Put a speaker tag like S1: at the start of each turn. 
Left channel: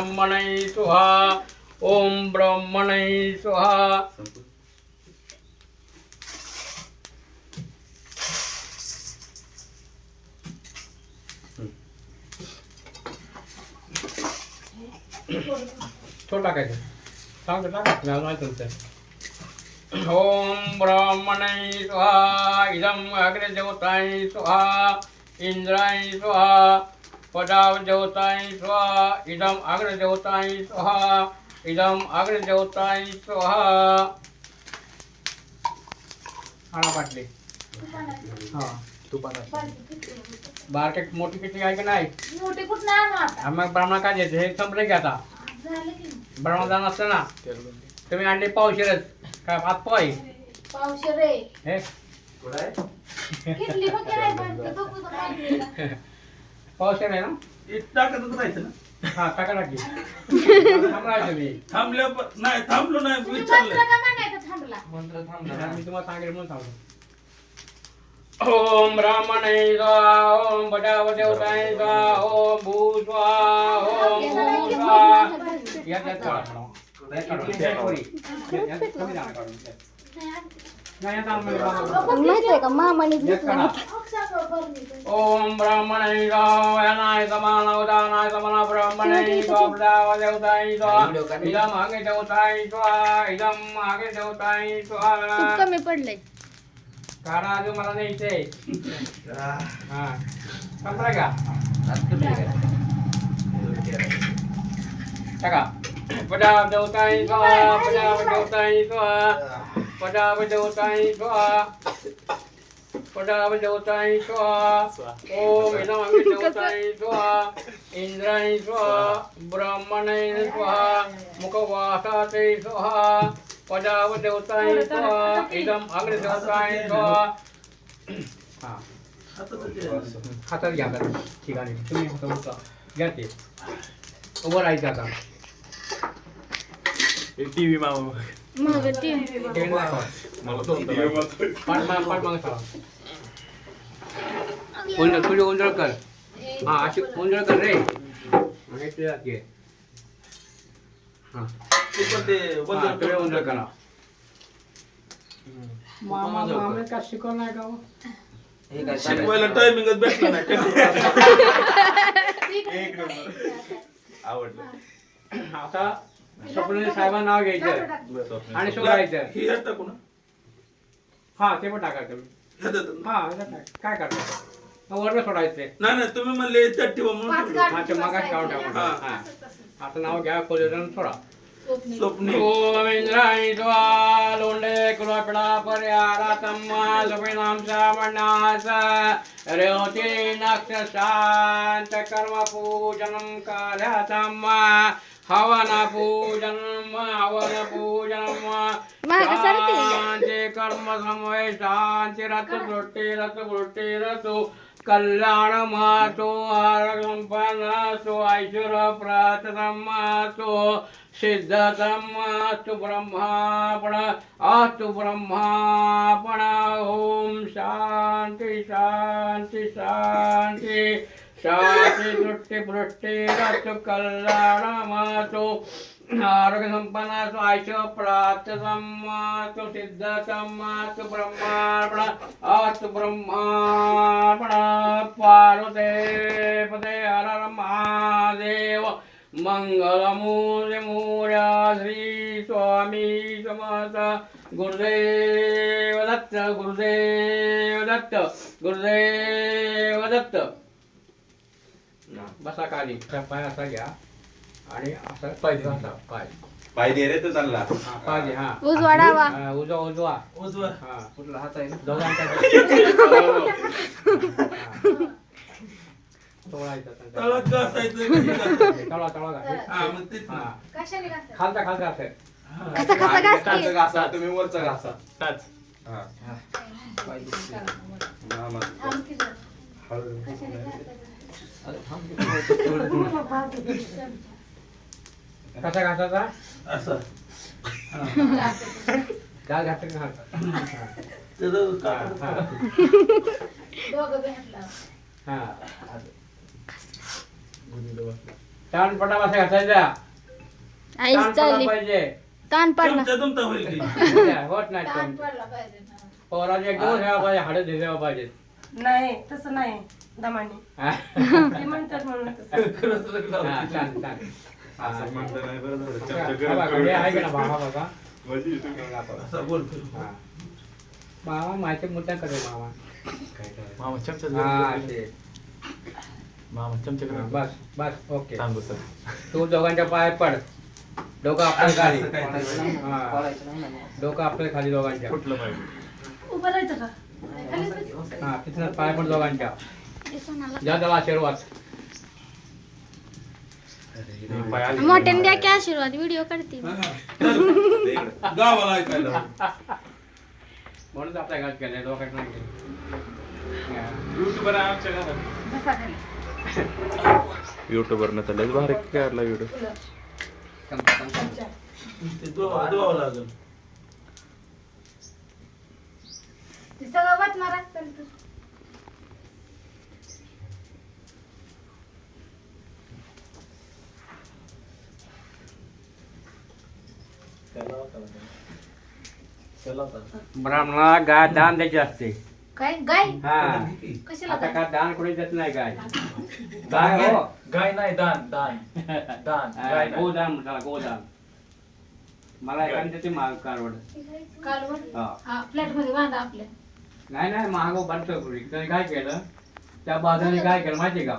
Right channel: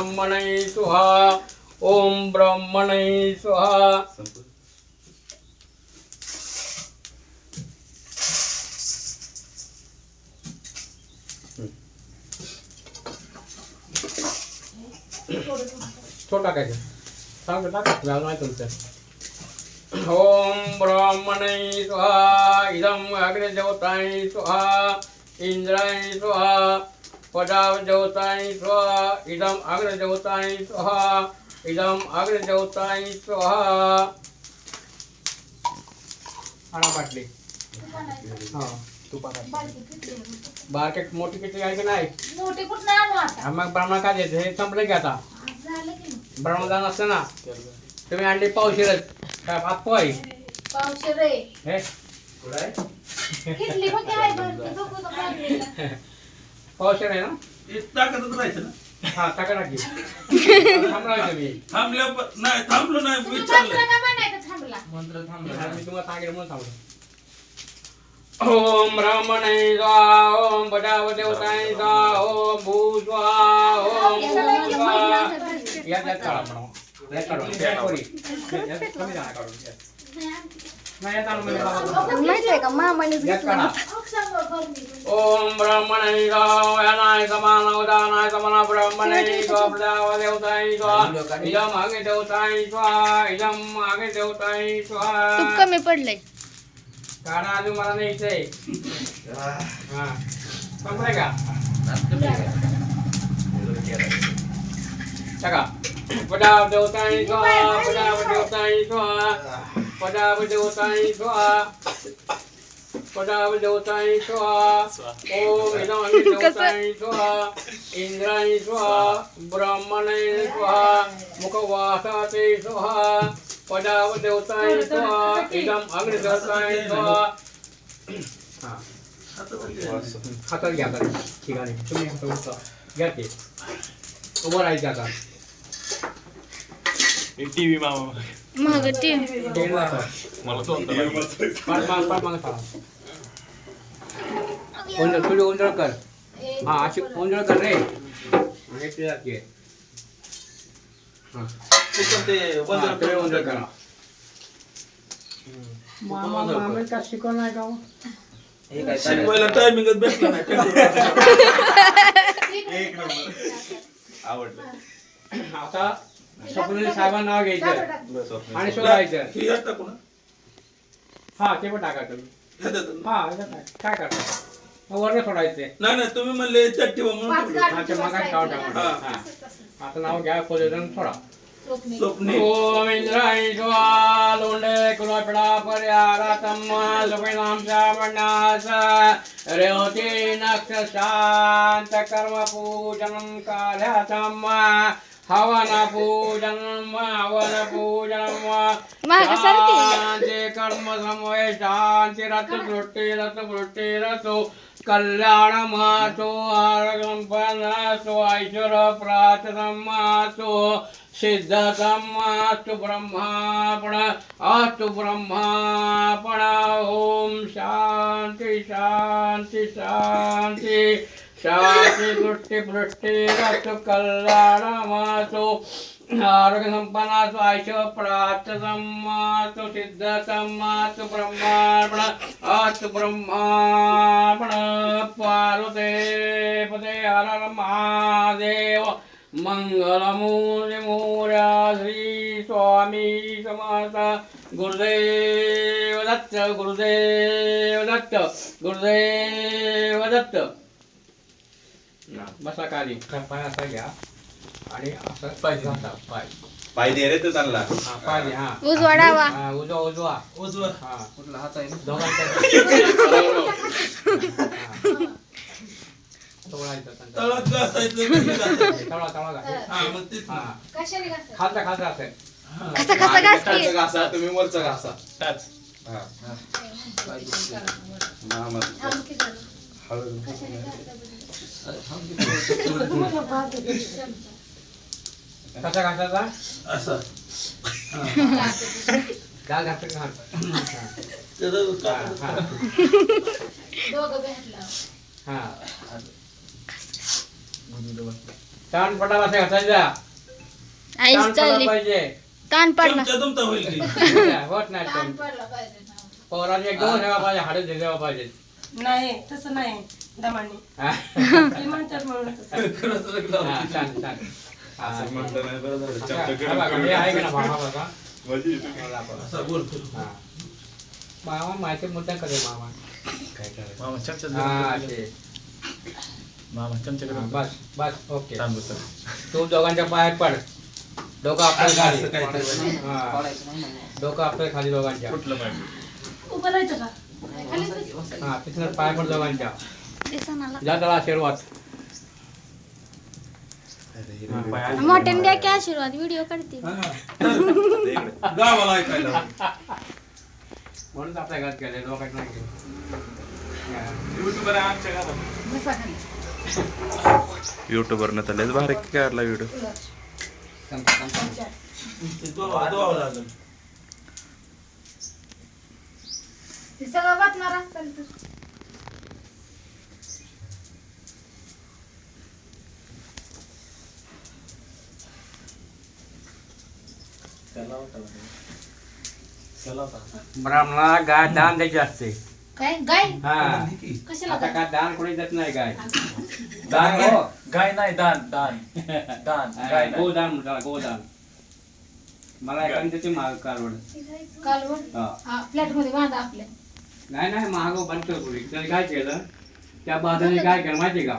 S1: ब्रह्मणे स्वाहा ओम ब्रह्मणे स्वाहा छोटा टाकायचं. सांग टाका. तुमचं ओम ब्रह्मणे स्वाहा इदम अग्निदेवताय स्वाहा इंद्राय स्वाहा पदावदेवताय स्वाहा इदम अग्निदेवताय स्वाहा इदम अग्निदेवताय स्वाहा। हा। बारके मोठी किती आहे की नाही?
S2: मोठे कुठं आणू आता.
S1: मग ब्राह्मण काय देते? हे संपले की आता.
S2: झालं की
S1: ब्राह्मण असते ना? तुम्ही आणले पावशीरच. काय भात पोय
S2: पावशे रे
S1: हे?
S2: किटली बघ
S1: पावशीर आहे ना?
S3: टाकतच राहायचं ना.
S1: हा टाका टाकी. थांबरायचं मी
S3: थांबल्या प- नाही थांबलो नाही
S2: तुम्ही
S3: विचारलंय
S2: मंत्र का म्हणायचं थांबला?
S3: मंत्र
S1: मी तुम्हाला सांगेल म्हणून सांगतो ओम ब्राह्मणे स्वाहा ओम पटावदेवताय स्वाहा ओम भू ओम भू स्वाहा यात यात काढा पण. यात काढा. यात पोरी. यात कमी जाणार काढून.
S4: माहितीये का? मामानेच
S1: यात
S4: घेतला.
S1: काढा. ओम ब्राह्मणे. इदम आगे इदम आगे देवताय
S4: तूप
S1: स्वाहा
S4: कमी पडलंय.
S1: काढा अजून मला नाही इथे हा. संपलाय का? स्वाहा पडाव देवताय स्वाहा पडाव देवताय स्वाहा. पडाव देवताय स्वाहा. ओम इदं देवताय स्वाहा. इंद्राय स्वाहा. ब्राह्मणाय स्वाहा. मुखवासाते स्वाहा. पडाव देवताय स्वाहा. इदं अग्निदेवताय स्वाहा. हा. हातात घ्या ठिकाणी तुम्ही. घ्या ते. उभं राहायचं आता.
S3: टीव्ही मामा. मला
S1: पाठ माग पाठ माग चला. गोंधळ कर? हा अशी गोंधळ कर रे? आणि ते जाते हा
S3: ते
S1: हा, गोंधळ करा. मामा मामा का शिकवलं नाही का?
S3: शिकवायला टायमिंगच भेटला नाही. आवडलं.
S1: आता स्वप्नील साहेबांना नाव घ्यायचं. आणि शोधायचं.
S3: ही यात टाकू ना
S1: हा ते पण
S3: ह्यात येतं ना?
S1: हा याच्यात काय मग वरनं सोडायचे.
S3: नाही नाही तुम्ही म्हणले त्यात ठेवा म्हणून ठेवलं.
S1: हा ते मगाच काढून टाका
S3: हा.
S1: हा आता नाव घ्या खोलेलं सोडा.
S3: स्वप्ने
S1: लोंडे कुलपडा पर्यारा तम्मा रेवती नक्ष शांत कर्म पूजनं कार्यातम् हवन पूजनं हवन पूजनं शांती कर्म समय शांती रत दृष्टी रत वृष्टी रतो कल्याण मातो आरगंपनासो ऐश्वर प्रार्थनमासो सिद्धतमास्तु ब्रह्मापण अस्तु ब्रह्मापण। ओम शांती शांती शांती। शांती दृष्टी वृष्टी रत कल्याण मातो आरोग्य संपन्नासु आयुष प्राप्त सम्मासु सिद्ध सम्मासु ब्रह्मार्पण अस्तु ब्रह्मार्पण। पार्वते पदे हर हर महादेव मंगलमूल्य मूर्या श्री स्वामी समर्थ। गुरुदेव दत्त गुरुदेव दत्त गुरुदेव दत्त। बसा खाली पाय असा घ्या आणि असं पाय घासा, पाय
S5: पाय दे रे तू चांगला
S1: हा पाय दे, हा
S4: उजवा डावा
S1: हा, उजवा उजवा
S3: उजवा
S1: हा
S3: कुठला हात आहे ना
S1: तोडायचं त्यांचं.
S3: तळात घासायचं कधी घासायचं?
S1: तळा तळा घाल.
S3: हा मग तेच ना.
S1: हा
S2: कशाने घासायचं?
S1: खालचा खालचा असेल.
S4: कसा कसा घास की
S5: खालचं घासा तुम्ही वरचं घासा
S3: टाच.
S5: हा.
S2: आमकी
S5: मामा.
S2: झालं.
S5: हळू.
S2: कशाने घासायचं?
S1: कसा घासाचा
S3: असं.
S1: गाल घासायचं हा, हा. हा. ताण पडा बसा घासायचा.
S4: आईच चालली.
S1: पाहिजे.
S4: ताण पडला.
S3: तुमचा होईल की.
S1: होत नाही. पोराचे ठेवा पाहिजे हाडं झेजावा पाहिजे
S6: नाही तसं नाही. दमाने.
S1: हा.
S6: म्हणतात म्हणून तसं.
S5: असं नाही, बरं झालं. गरम करून. म्हणजे इथून
S3: असा बोलतो.
S1: हा. मामा माहिती मुद्दा करे मामा
S3: मामा चमचा
S1: हा
S3: गरम
S1: ते.
S3: करून. मामा चमचा
S1: हा,
S3: गरम
S1: बस बस ओके.
S3: सर
S1: तू दोघांच्या पायात पड. डोकं आपल्या खाली
S3: असं काहीतरी.
S1: हा. डोकं आपल्या खाली दोघांच्या.
S3: कुठलं माहिती
S6: उभं राहायचं का?
S2: खाली बस.
S1: हा तिथनं पाय पड दोघांच्या. त्याला आशीर्वाद.
S4: मोठ्याने द्या की आशीर्वाद व्हिडिओ काढते.
S3: गावाला ऐकायला.
S1: म्हणून आपल्या घरात गेले दोघांना नाही गेले. हा.
S5: युट्यूबर आहे आमच्या घरात. तर लयच भारी काढला व्हिडिओ
S1: चमचा, चमचा.
S3: ते लागेल.
S2: सगळं असतं
S1: ब्राह्मणाला गाय दान द्यायची असते.
S2: काय? गाय?
S1: हा.
S2: कशाला
S1: आता
S2: गाय?
S1: काय दान? कोणी देत नाही गाय. गाय हो.
S3: गाय नाही दान दान. दान गाय नाही.
S1: गोदान म्हणतात गोदान. मला एखादी त्याची माग कालवड.
S2: कालवड?
S1: हा.
S2: हा फ्लॅटमध्ये बांधा आपल्या.
S1: नाही नाही महाग बंद करू. त्याने काय केलं. त्या बाजाने काय केलं माहिती का?